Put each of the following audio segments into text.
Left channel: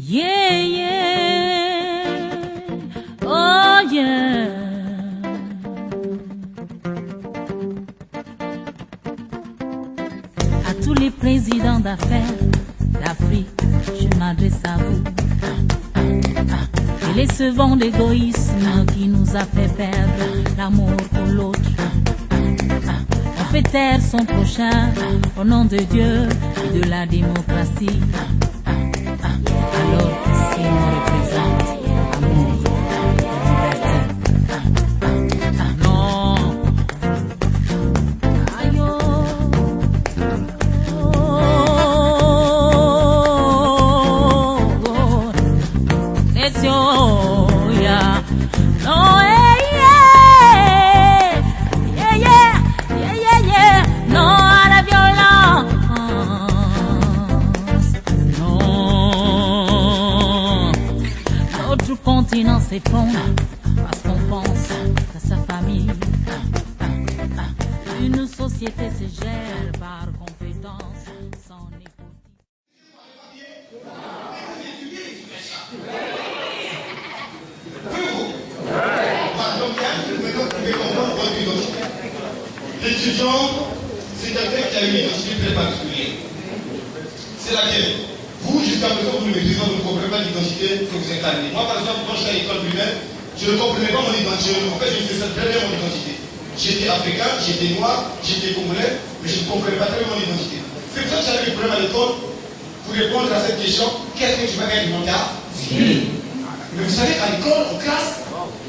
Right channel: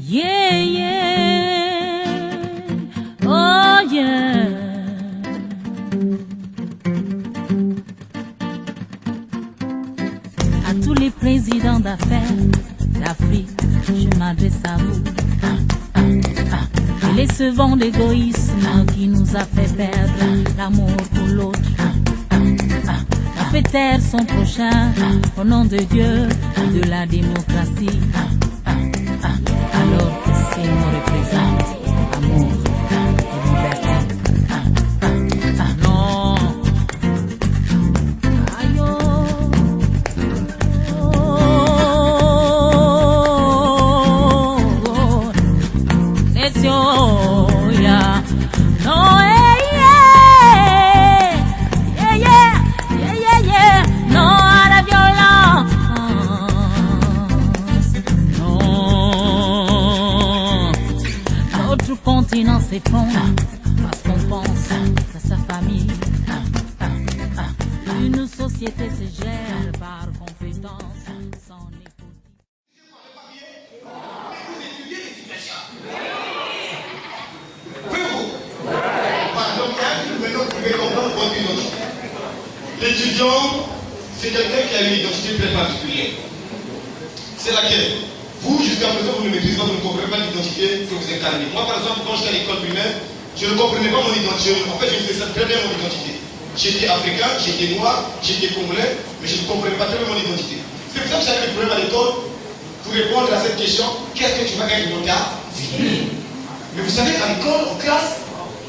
Yeah, yeah, oh yeah. À tous les présidents d'affaires d'Afrique, je m'adresse à vous. Et les sevants d'égoïsme qui nous a fait perdre l'amour pour l'autre. On fait taire son prochain au nom de Dieu et de la démocratie. Alors que ces mots représentent amour et liberté. Non. Aïe, oh, Necio, yeah. No, yeah, yeah, yeah, yeah, yeah, yeah. Non à la violence. Notre continent s'effondre parce qu'on pense à sa famille. Une société se gère par compétence sans népotisme. L'étudiant, c'est quelqu'un qui a une identité très particulière. C'est laquelle? Vous, jusqu'à présent, vous ne maîtrisez pas, vous ne comprenez pas l'identité que vous incarnez. Moi, par exemple, quand j'étais à l'école primaire, je ne comprenais pas mon identité. En fait, je faisais très bien mon identité. J'étais africain, j'étais noir, j'étais congolais, mais je ne comprenais pas très bien mon identité. C'est pour ça que j'avais des problèmes à l'école pour répondre à cette question, qu'est-ce que tu vas être dans ta vie? Mais vous savez, à l'école, en classe,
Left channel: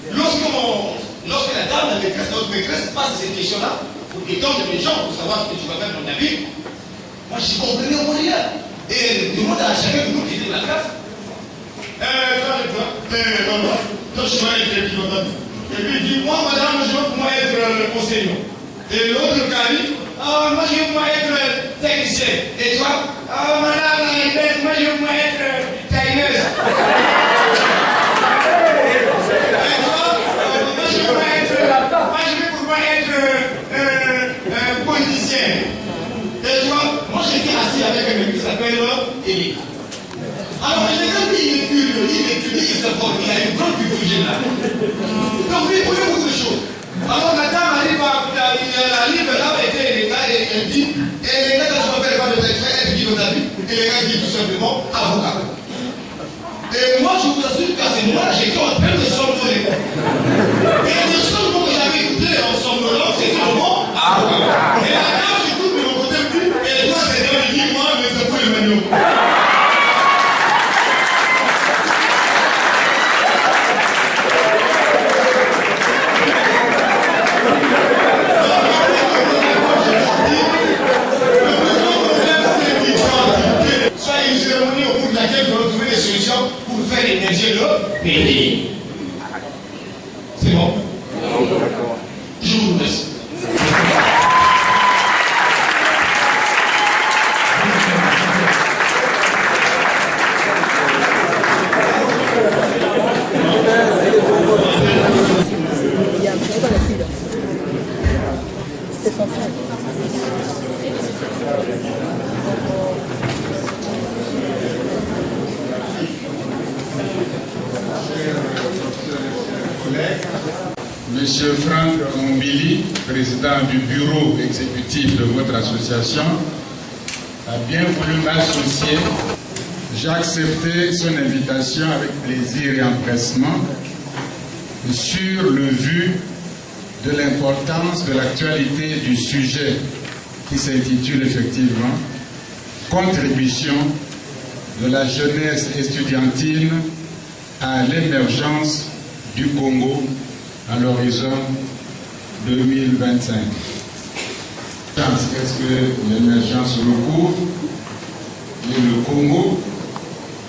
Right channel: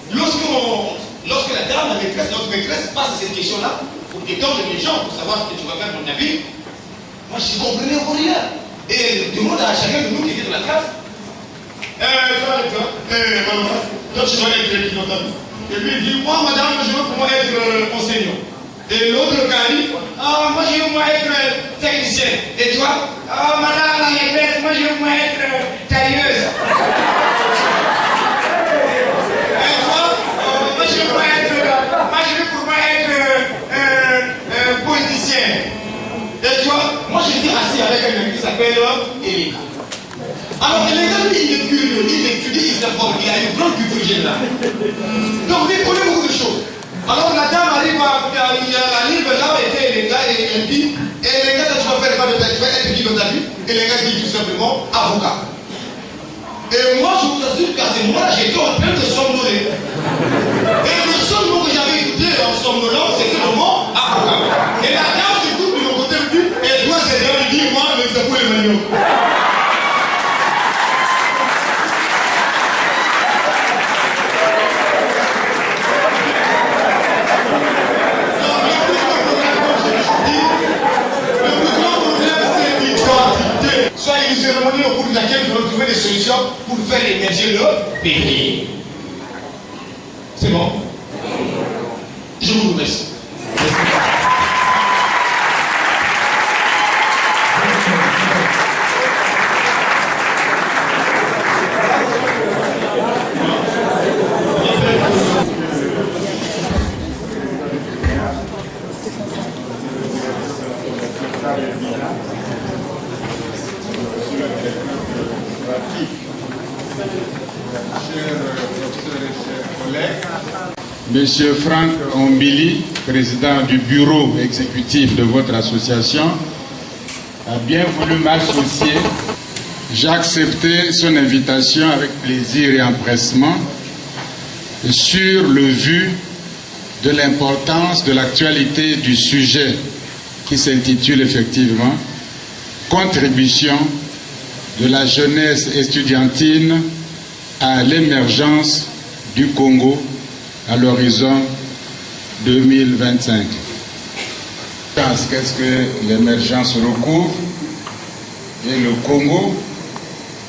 lorsque la dame, la maîtresse, notre maîtresse passe cette question-là, pour étendre les gens, pour savoir ce que tu vas faire dans ta vie, moi, je ne comprenais rien. Et elle demande à chacun de nous qui était dans la classe. Toi, tu dois être étudiant. Et puis il dit, moi, madame, je veux pour moi être enseignant. Et l'autre dit, ah, moi, je veux pour moi être technicien. Et toi, ah, madame, la maîtresse, moi, je veux pour moi être tailleuse. Et toi, moi, je veux pour moi être politicien. Et toi, moi j'étais assis avec un mec qui s'appelle Elika. Alors Elika, lui, il étudie, il s'informe, il a une grande culture générale. Donc lui, il connaît beaucoup de choses. Alors la dame arrive là où était Elika et elle dit, Elika, tu vas faire quoi de ta vie? Tu vas être qui dans ta vie? Elika dit tout simplement, avocat. Et moi, je vous assure qu'à ce moment-là, j'étais en train de somnoler. Et le seul mot que j'avais écouté en somnolant, c'était le mot avocat. Et la dame, et toi, c'est là, il dit, moi, mais c'est pour Emmanuel. Soyez une cérémonie au cours de laquelle nous allons trouver des solutions pour faire émerger le pays. C'est bon? Je vous remercie. Monsieur Franck Ombili, président du bureau exécutif de votre association, a bien voulu m'associer. J'ai accepté son invitation avec plaisir et empressement sur le vu de l'importance de l'actualité du sujet qui s'intitule effectivement « Contribution de la jeunesse estudiantine à l'émergence du Congo à l'horizon 2025. » Qu'est-ce que l'émergence recouvre et le Congo,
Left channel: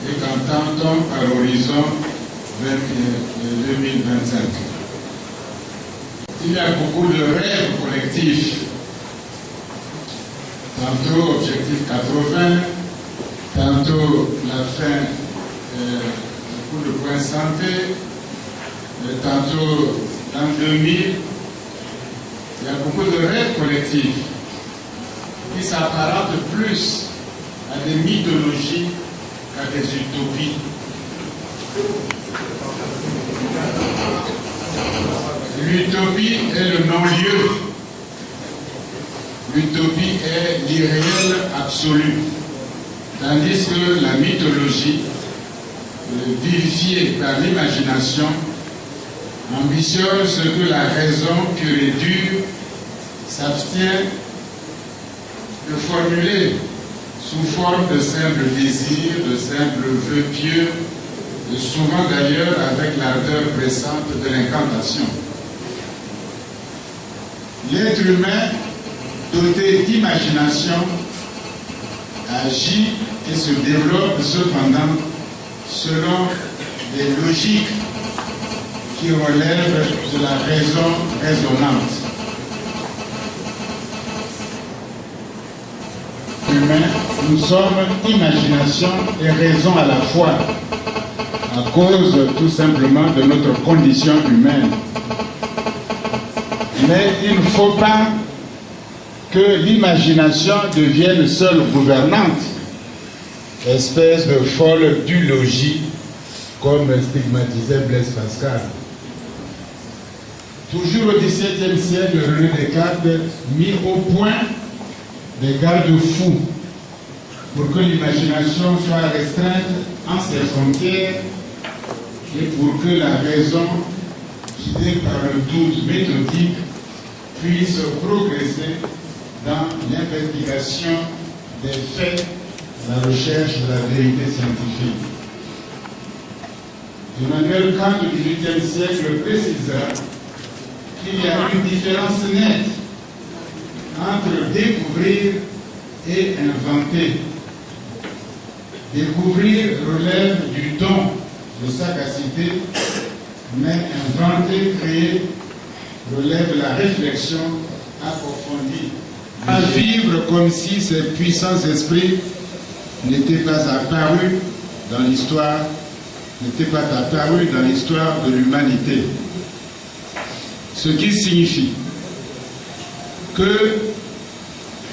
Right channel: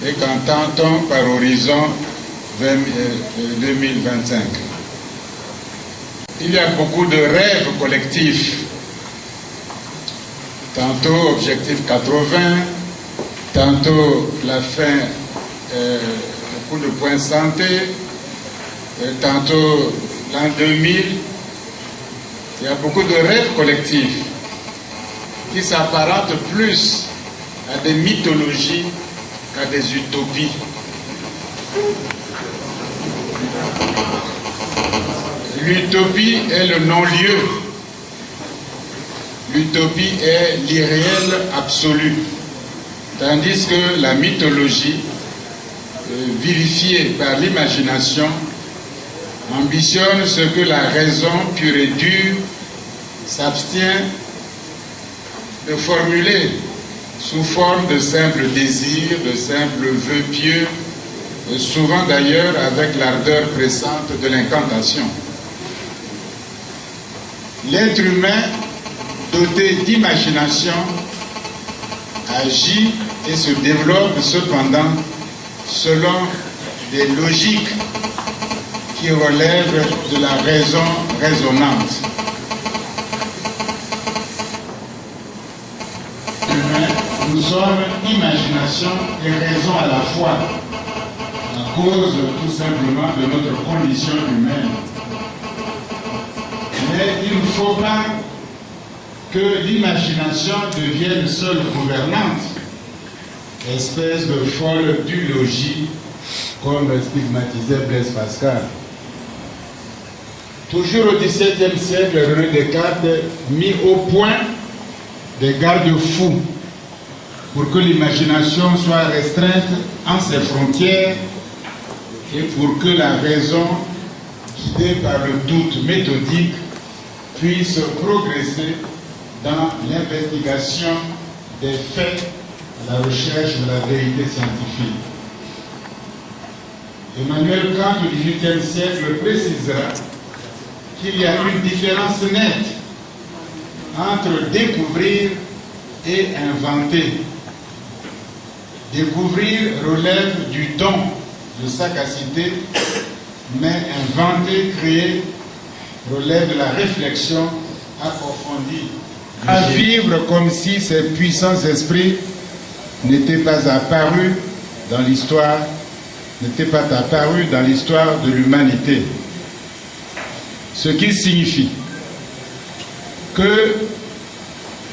et qu'entend-on par horizon 2025? Il y a beaucoup de rêves collectifs, tantôt objectif 80, tantôt la fin, coup de poing santé, tantôt l'an 2000. Il y a beaucoup de rêves collectifs qui s'apparentent plus à des mythologies qu'à des utopies. L'utopie est le non-lieu. L'utopie est l'irréel absolu. Tandis que la mythologie, vivifiée par l'imagination, ambitionne ce que la raison pure et dure s'abstient de formuler sous forme de simples désirs, de simples vœux pieux, et souvent d'ailleurs avec l'ardeur pressante de l'incantation. L'être humain, doté d'imagination, agit et se développe cependant selon des logiques qui relèvent de la raison raisonnante. Nous sommes imagination et raison à la fois, à cause tout simplement de notre condition humaine. Mais il ne faut pas que l'imagination devienne seule gouvernante, espèce de folle dulogie, comme stigmatisait Blaise Pascal. Toujours au XVIIe siècle, René Descartes mit au point des garde-fous pour que l'imagination soit restreinte en ses frontières et pour que la raison, guidée par le doute méthodique, puisse progresser dans l'investigation des faits, la recherche de la vérité scientifique. Emmanuel Kant du XVIIIe siècle précisera qu'il y a une différence nette entre découvrir et inventer. Découvrir relève du don, de sagacité, mais inventer, créer, relève de la réflexion approfondie. À vivre comme si ces puissants esprits n'étaient pas apparus dans l'histoire, de l'humanité. Ce qui signifie que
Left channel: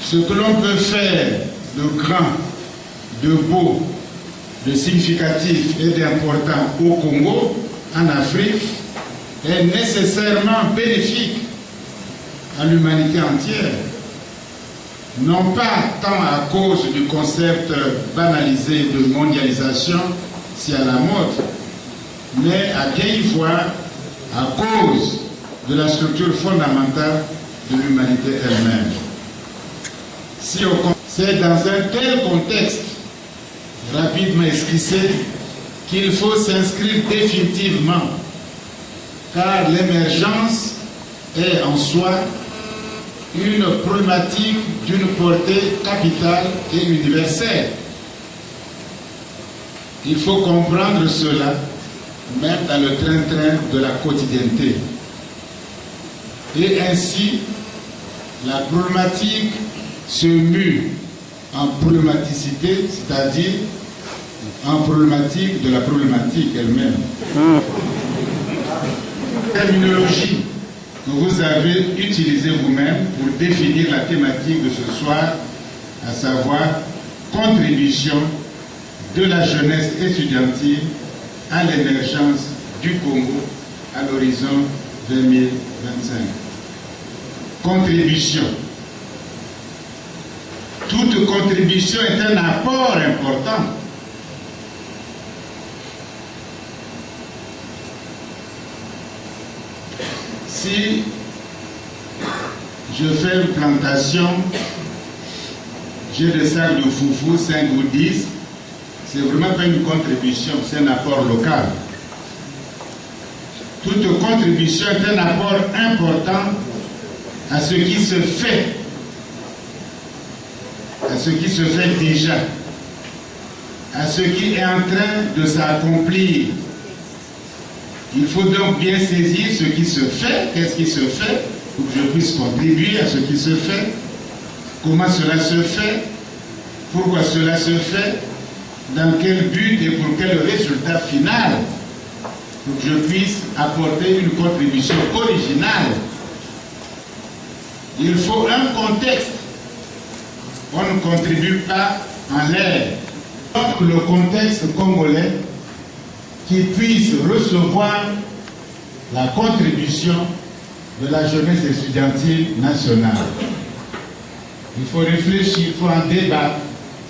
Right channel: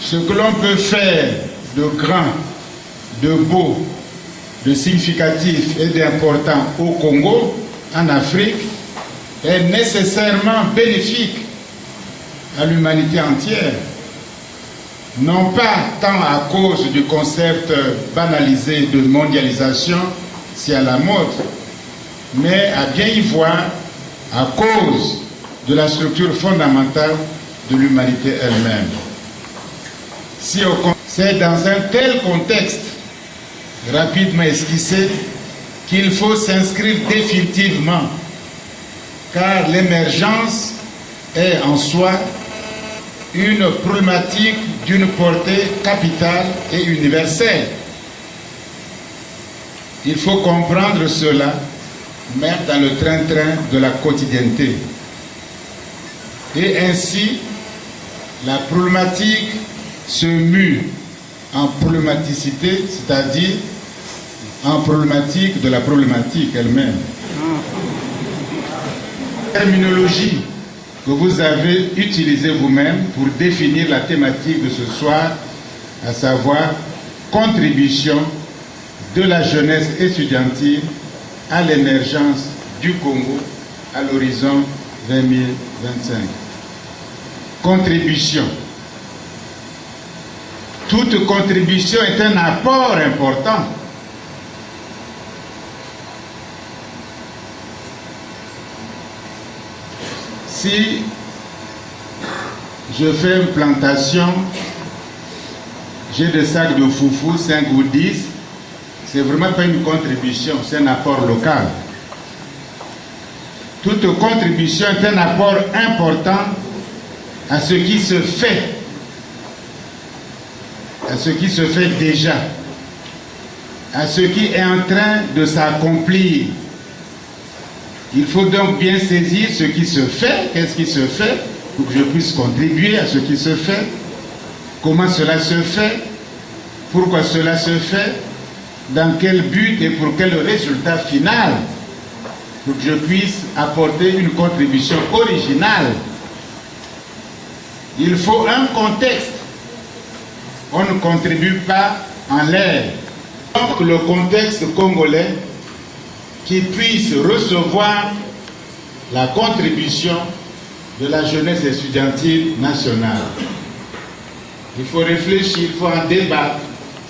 ce que l'on peut faire de grand, de beau, de significatif et d'important au Congo, en Afrique, est nécessairement bénéfique à l'humanité entière. Non pas tant à cause du concept banalisé de mondialisation, si à la mode, mais à bien y voir à cause de la structure fondamentale de l'humanité elle-même. C'est dans un tel contexte, rapidement esquissé, qu'il faut s'inscrire définitivement, car l'émergence est en soi une problématique d'une portée capitale et universelle. Il faut comprendre cela même dans le train-train de la quotidienneté. Et ainsi, la problématique se mue en problématicité, c'est-à-dire en problématique de la problématique elle-même. Terminologie que vous avez utilisée vous-même pour définir la thématique de ce soir, à savoir contribution de la jeunesse estudiantine à l'émergence du Congo à l'horizon 2025. Contribution. Toute contribution est un apport important. Si je fais une plantation, j'ai des sacs de foufou, 5 ou 10, c'est vraiment pas une contribution, c'est un apport local. Toute contribution est un apport important à ce qui se fait, déjà, à ce qui est en train de s'accomplir. Il faut donc bien saisir ce qui se fait, qu'est-ce qui se fait, pour que je puisse contribuer à ce qui se fait, comment cela se fait, pourquoi cela se fait, dans quel but et pour quel résultat final, pour que je puisse apporter une contribution originale. Il faut un contexte. On ne contribue pas en l'air. Donc le contexte congolais qui puisse recevoir la contribution de la jeunesse estudiantine nationale. Il faut réfléchir, il faut en débattre.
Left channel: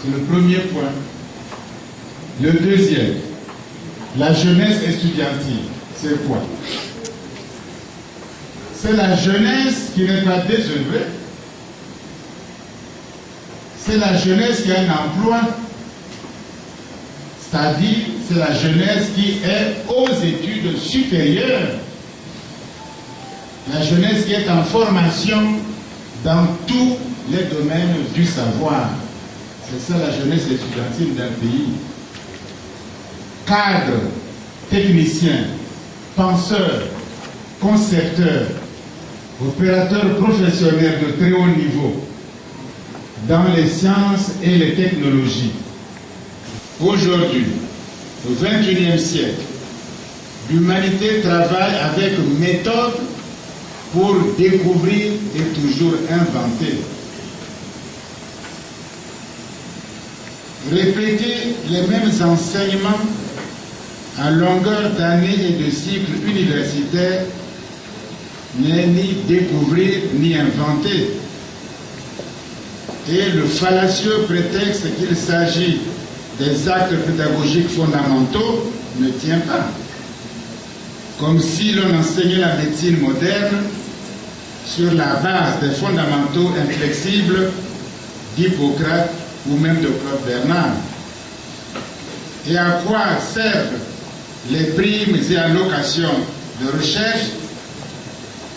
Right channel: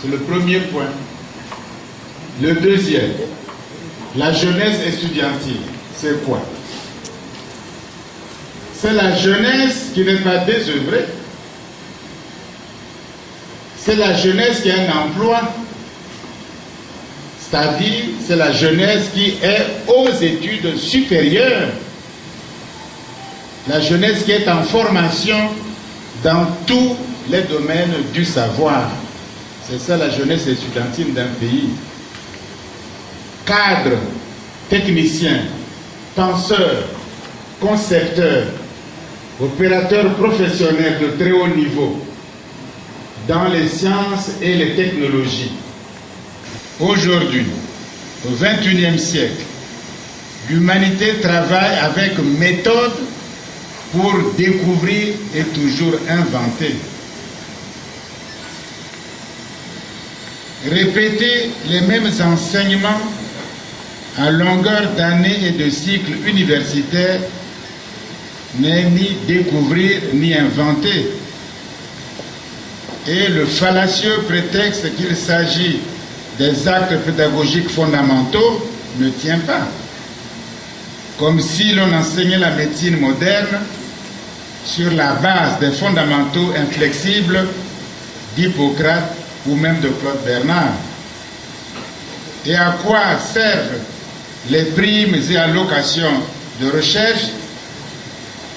C'est le premier point. Le deuxième, la jeunesse estudiantine, c'est quoi? C'est la jeunesse qui n'est pas désœuvrée. C'est la jeunesse qui a un emploi. C'est-à-dire, c'est la jeunesse qui est aux études supérieures. La jeunesse qui est en formation dans tous les domaines du savoir. C'est ça la jeunesse estudiantine d'un pays. Cadres, techniciens, penseurs, concepteurs, opérateurs professionnels de très haut niveau dans les sciences et les technologies. Aujourd'hui, au XXIe siècle, l'humanité travaille avec méthode pour découvrir et toujours inventer. Répéter les mêmes enseignements à longueur d'années et de cycles universitaires n'est ni découvrir ni inventer. Et le fallacieux prétexte qu'il s'agit des actes pédagogiques fondamentaux ne tient pas. Comme si l'on enseignait la médecine moderne sur la base des fondamentaux inflexibles d'Hippocrate ou même de Claude Bernard. Et à quoi servent les primes et allocations de recherche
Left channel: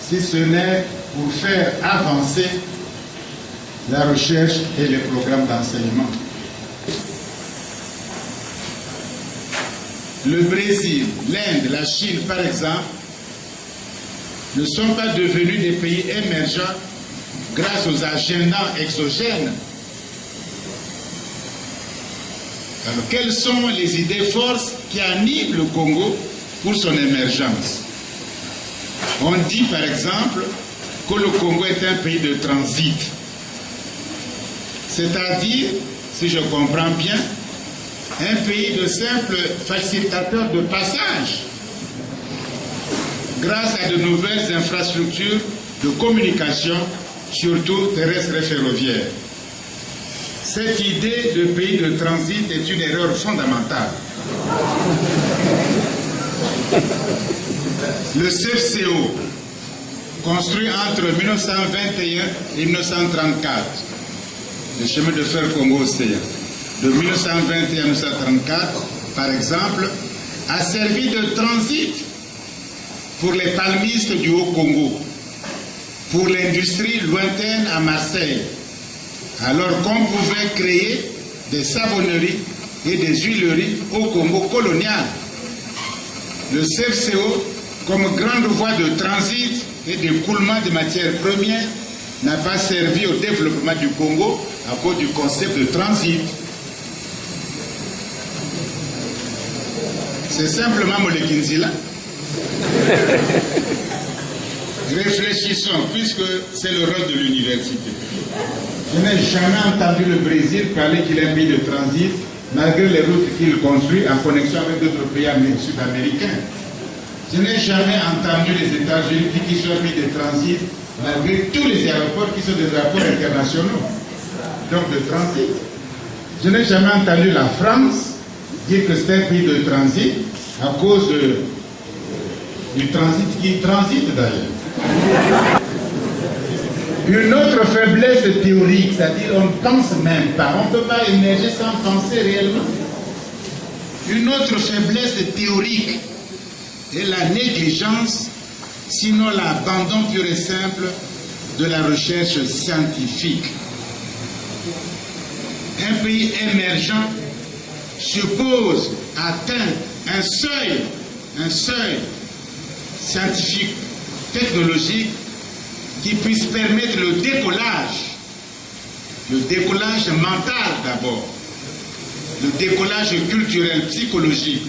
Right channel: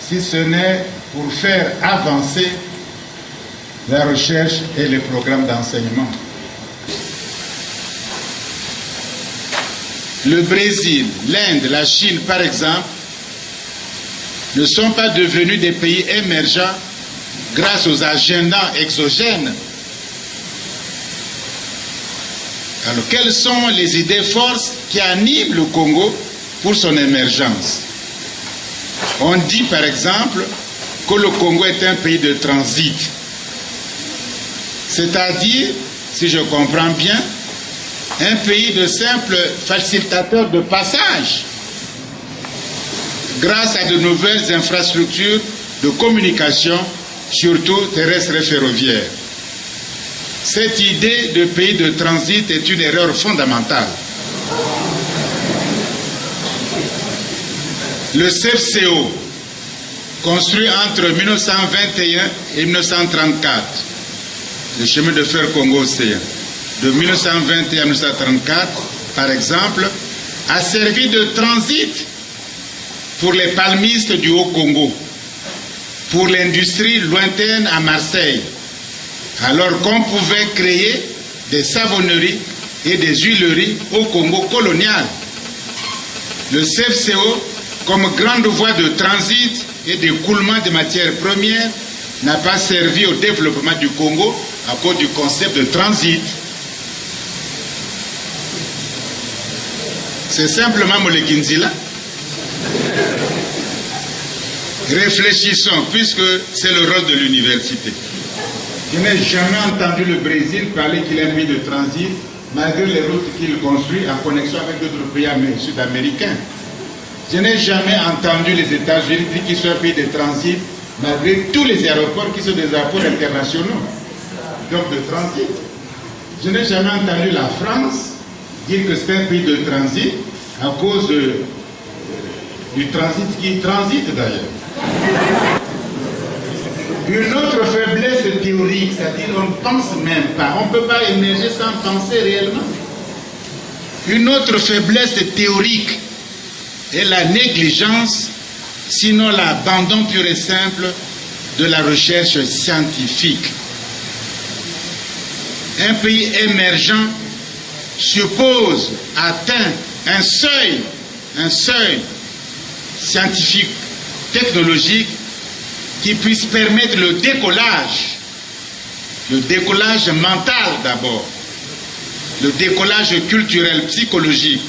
si ce n'est pour faire avancer la recherche et les programmes d'enseignement? Le Brésil, l'Inde, la Chine, par exemple, ne sont pas devenus des pays émergents grâce aux agendas exogènes. Alors, quelles sont les idées forces qui animent le Congo pour son émergence? On dit, par exemple, que le Congo est un pays de transit. C'est-à-dire, si je comprends bien, un pays de simples facilitateurs de passage grâce à de nouvelles infrastructures de communication, surtout terrestres et ferroviaires. Cette idée de pays de transit est une erreur fondamentale. Le CFCO, construit entre 1921 et 1934, le chemin de fer Congo-Océan, de 1921 à 1934, par exemple, a servi de transit pour les palmistes du Haut-Congo, pour l'industrie lointaine à Marseille, alors qu'on pouvait créer des savonneries et des huileries au Congo colonial. Le CFCO, comme grande voie de transit et d'écoulement de matières premières, n'a pas servi au développement du Congo à cause du concept de transit. C'est simplement Molekinzila. Réfléchissons, puisque c'est le rôle de l'université. Je n'ai jamais entendu le Brésil parler qu'il est un pays de transit, malgré les routes qu'il construit en connexion avec d'autres pays sud-américains. Je n'ai jamais entendu les États-Unis dire qu'ils sont un pays de transit, malgré tous les aéroports qui sont des aéroports internationaux, donc de transit. Je n'ai jamais entendu la France dire que c'est un pays de transit à cause du transit qui transite d'ailleurs. Une autre faiblesse théorique, c'est-à-dire on ne pense même pas, on ne peut pas émerger sans penser réellement. Une autre faiblesse théorique est la négligence, sinon l'abandon pur et simple de la recherche scientifique. Un pays émergent suppose atteindre un seuil scientifique, technologique, qui puisse permettre le décollage mental d'abord, le décollage culturel, psychologique,